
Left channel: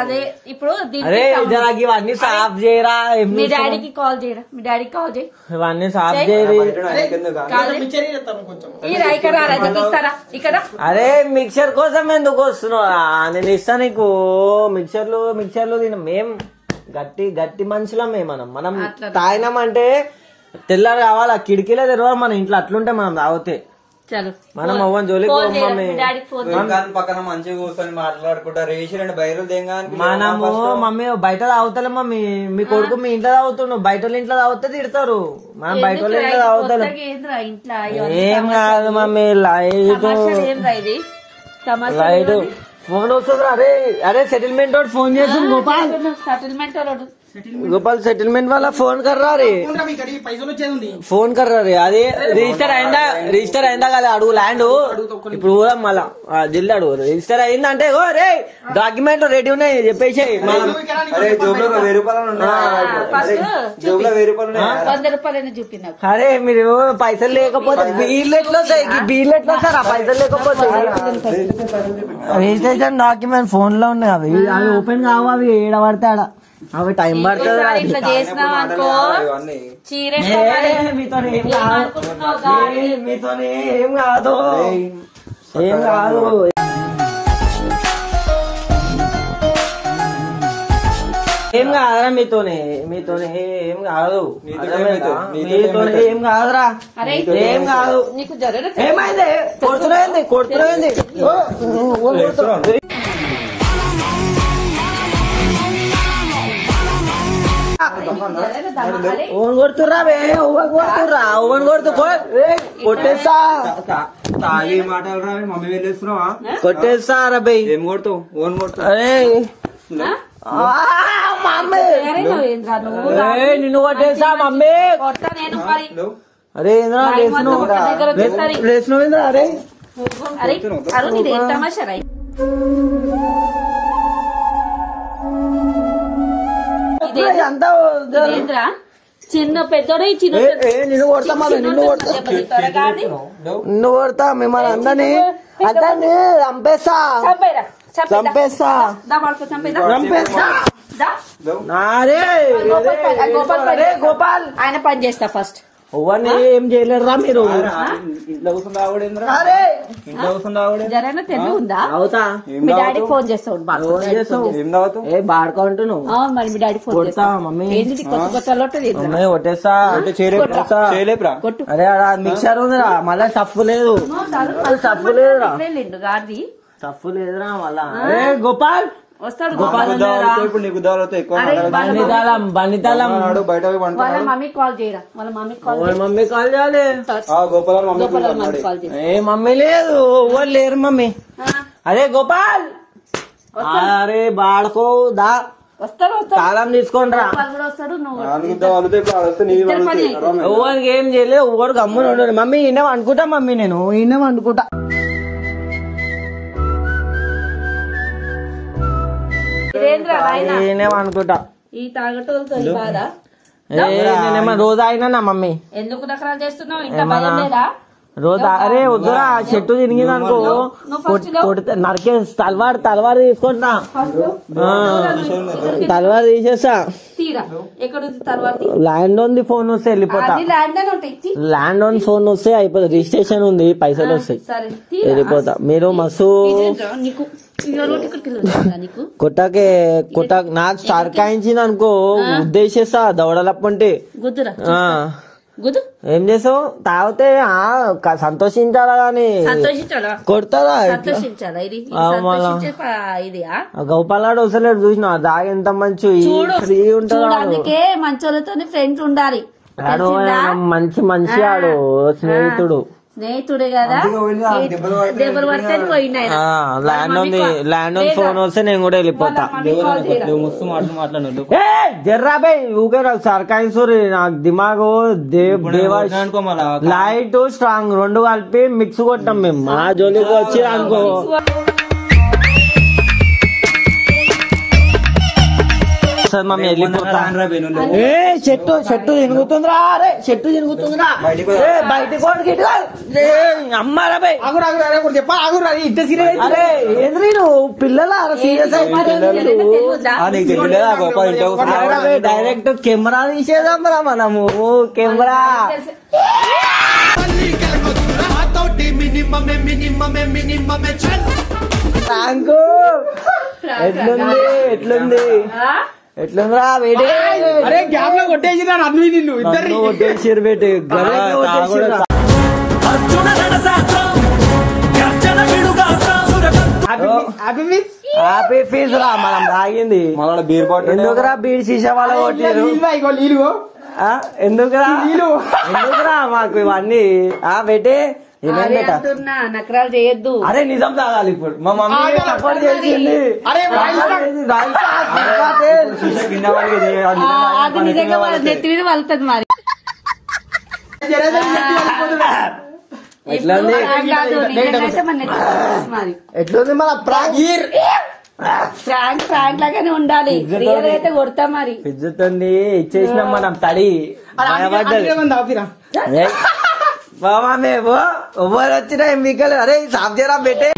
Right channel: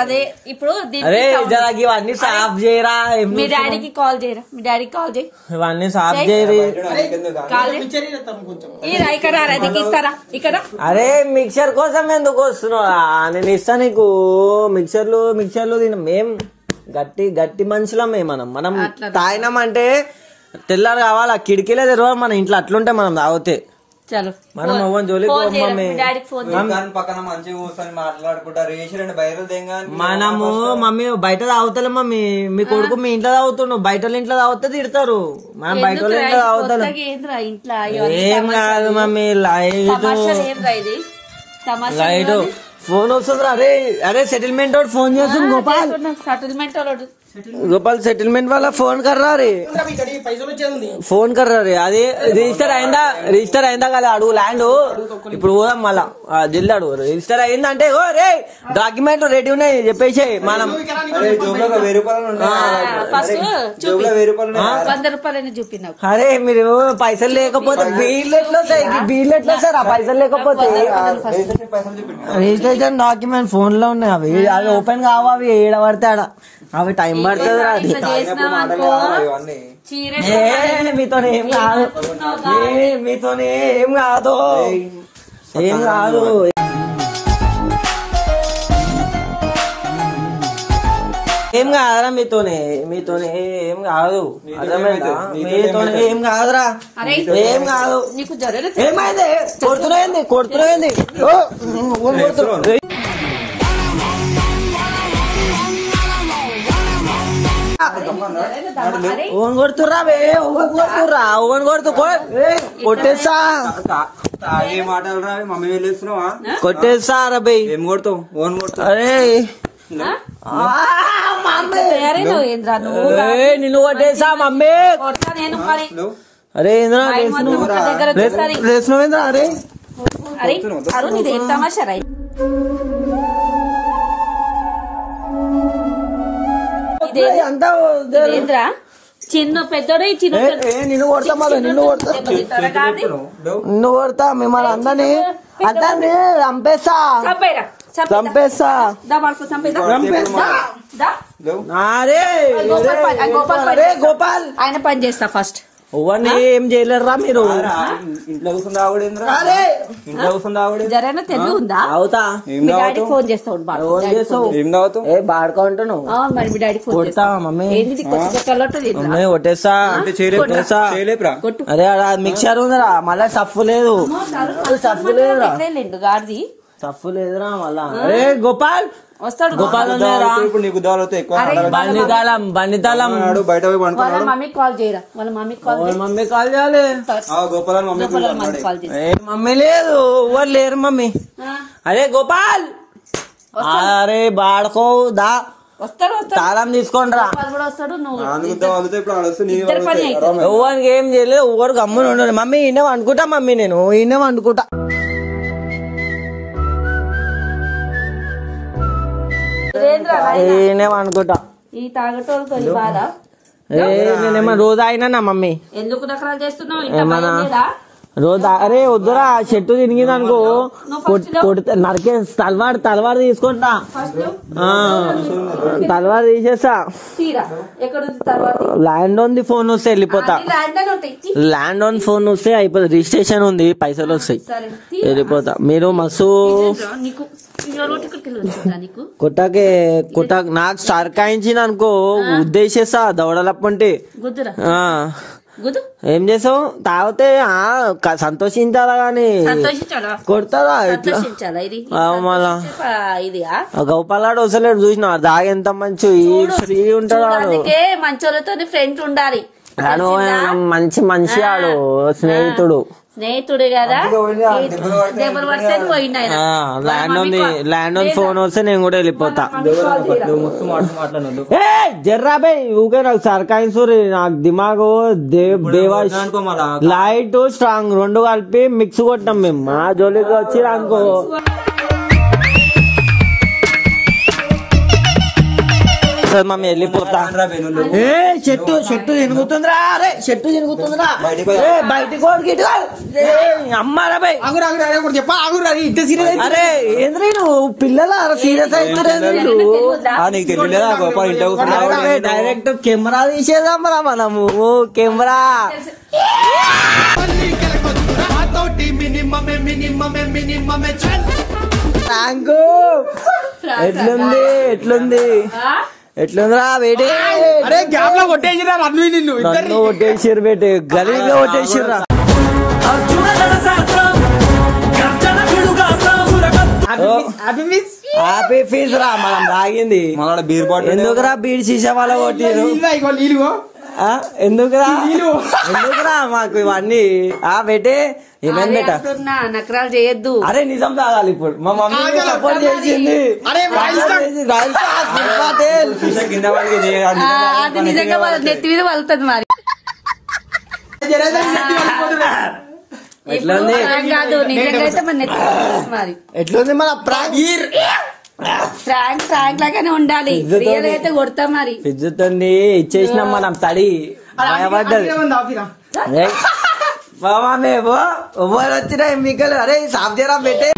అదే ఇప్పుడు అరే ఇవన్నీ సాఫ్ చేయరా. మీ డాడీకి కాల్ చేయరా? మీ డాడీకి కాల్ చేయి. ఇవన్నీ సాఫ్ చేయరు. ఇక్కడ అరే మిక్సర్ కోసం ఎందుకు వస్తున్నావా? నేను ఇస్తా నీకు మిక్సర్లు తిన. మేం గట్టి మనుషులమే. మనం తాగినామంటే తెల్లారు కావాలా. కిటికీలే తెరవాలి మన ఇంట్లో. అట్లుంటే మనం తాగితే మనం అవ్వని జోలికి మమ్మీ. పక్కన మంచిగా కూర్చొని మాట్లాడుకుంటారు. మనము మమ్మీ బయట తాగుతలే మమ్మీ. మీ కొడుకు మీ ఇంట్లో తాగుతుండు. బయట ఇంట్లో తాగితే తిడతారు. మనం బయట ఇంట్లో తాగుతాం. ఏం కాదు మమ్మీ. లైట్ తమాషా రైట్ ఫోన్ వస్తుంది. అరే అరే సెటిల్మెంట్ వాడు ఫోన్ చేస్తుంది గోపాల్. సెటిల్మెంట్ गोपाल सेटलमेंट वाला फोन कर रहा रे फोन कर रहा रे అది రిజిస్టర్ అయిందా కదా అడుగు ల్యాండ్ ఇప్పుడు పోదాం మళ్ళా జిల్లా అడుగు రిజిస్టర్ అయిందంటే ఓ రే డాక్యుమెంట్ రెడీ ఉన్నాయి చెప్పేసి అరే మీరు పైసలు లేకపోతే బిల్లు ఎట్లా సార్ ఆ పైసలు లేకపోతే రిజిస్ట్రేషన్ డాక్యుమెంట్ ఫోన్ లో ఉన్నాయి అవి ఓపెన్ కావు అవి ఏడ పడితే ఆడ అవి టైం పడుతుంది మీతో ఏం కాదు ఏం కాదు ఏం కాదురా మీతోనే ఏం కాదు అర్థమైందా మీతోనే ఏం కాదురా ఏం కాదు ఏమైంది కొడుతున్నాయింది ఓన్ కొడుతుర్రా ఓన్ కొట్టేస్తా మమ్మీ వెళ్ళేస్తున్నావా కొట్టేస్తా రబీ ఏం కొడతావు ఓన్ కొడతావు అరే నిన్ను కొట్టేసా మమ్మీ అరే ఇంద్రా లేచినవేంద్రా అరే తమాషా చిన్న పెద్దోడు నిన్ను కొడతా నిన్ను కొడతా మిమ్మల్ని అందరినీ చంపేస్తా గోపాల్ ఆయన పని చేస్తా ఫస్ట్ ఎవరిని ఏం చేయలేరురా మీరు ఇంట్లో జరైనా తెలివి ఉందా అవుతా మీ డాడీకి ఫోన్ చేస్తావు బాడుకుంటున్నావు మరి మీ డాడీ ఫోన్ చేస్తా మమ్మీ ఏంటి కొట్టేస్తా అరే మిక్చర్ ఉందిరా మళ్ళా సఫ్ లేదు గాడిది సఫ్ లేదురా మళ్ళా అరే గోపాల్ వస్తాడు గోపాల్ ఇప్పుడు నీకు దాలతో ఎక్కువ బండితాళం బయట వాళ్ళ మమ్మీకి కాల్ చేయరా వాళ్ళ మమ్మీ కాల్ చేయాలి గోపాల్ మమ్మీ కాల్ చేయ ఏ మమ్మీ లేదు ఎవరు లేరు మమ్మీ అరే గోపాల్ అరే బాడుకో దా వస్తాడు తాళం తీసుకోండి రా కూడా వస్తాడు నువ్వు ఎవరికి ఏం చేయలేదు ఎవరు గమ్మున ఉండదు మమ్మీ ఈయన అనుకుంటా మమ్మీ నేను ఈయన అనుకుంటా అనుకుంటా ఈ తాగటోళ్ళతో ఈ బాధ నేనేమో రోజు అయినా నా మమ్మీ ఎందుకు నకరాలు చేస్తున్నావు ఇంత భయం లేదా రోజు అరే వద్దురా చెట్టు తిరిగింది అనుకో నరికే తలవారు తీసుకుంటా తలవారు తీసేస్తా ల్యాండ్ ఉంది ఫోన్ వస్తే వెళ్ళిపోతా ల్యాండ్ ఆన్ ఫోన్ వస్తే అయిపోతుంది రిజిస్ట్రేషన్ ఉంది పైసలు వస్తాయి వెళ్ళిపోతా మీరు మస్తు కొట్టాక నాకు సర్కాయించింది అనుకో ఉద్దేశిస్తా దవడలప్పంటే ఏం చేసావు తాగితే సంతోషించాలా గానీ కొడతారా గోపాలాడు వస్తలేడు చూసిన దాగి ఎంత మంచి ఫ్రీ ఉంటాడు మంచోళ్ళతో ఫ్రెండ్ ఉండాలి మంచి మనిషి ఆడు స్నేహితుడే కదా దెబ్బలు పడితే పోయినా ల్యాండ్ ఆన్ ఫోన్ వస్తే నేను కూడా వెళ్ళిపోతా జర్రాబాయ్ ఊకే నాకు సర్కాయించు నాకు దిమాగు లైట్ స్ట్రాంగ్ రెండు కలిపి మిక్స్ కొట్టాం మేము మా జోలికి వచ్చి అనుకో మమ్మీ వెళ్ళిపోతా చెట్టు ఎనుగుతుందిరా అరే చెట్టు ఎనుగుతుందిరా బయటకు అమ్మారా బై అరే ఏంద్రీ నువ్వు పిల్లల సీరియస్ డైరెక్ట్ కెమెరా తీసేదాం మనము కెమెరా ఎట్లుందిరా వేడి గ్యాప్ లో కొట్టేసిరా రమ్మి నిన్ను ఇద్దరు కొట్టేసారు బేటే గలీలో కొట్టేసారు హ్యాపీ ఫీజ్ రా మనం తాగింది బీర్ బాటిల్ ఎందుకురా బీర్ సీసా వాళ్ళ కొట్టారు ఎందుకురా ఎందుకురా మాకు ఇవన్నీ బెటే ఏమైంది బేట నకరాలు చేయొద్దు. అరే నిజం తాగాలి ఇప్పుడు మా మమ్మీ సపోర్ట్ చేసింది. అది నిజంగా వాళ్ళ నెత్తి మీద వలుతుంది మరి. ఎట్లా ఉంది కాదు నిజంగా మన నెత్తి వలుతుంది మరి. ఎట్లుంది మన ఫ్రాంక్ లాగానే ఉండాలి. రియల్ అయితే కొడతాం మరి. పిజ్జుతుంది ఇచ్చేసినాం మనం తడి బాబా మేము వచ్చినాయి మీకు. అరే సాఫ్ చేయరా బెట్టే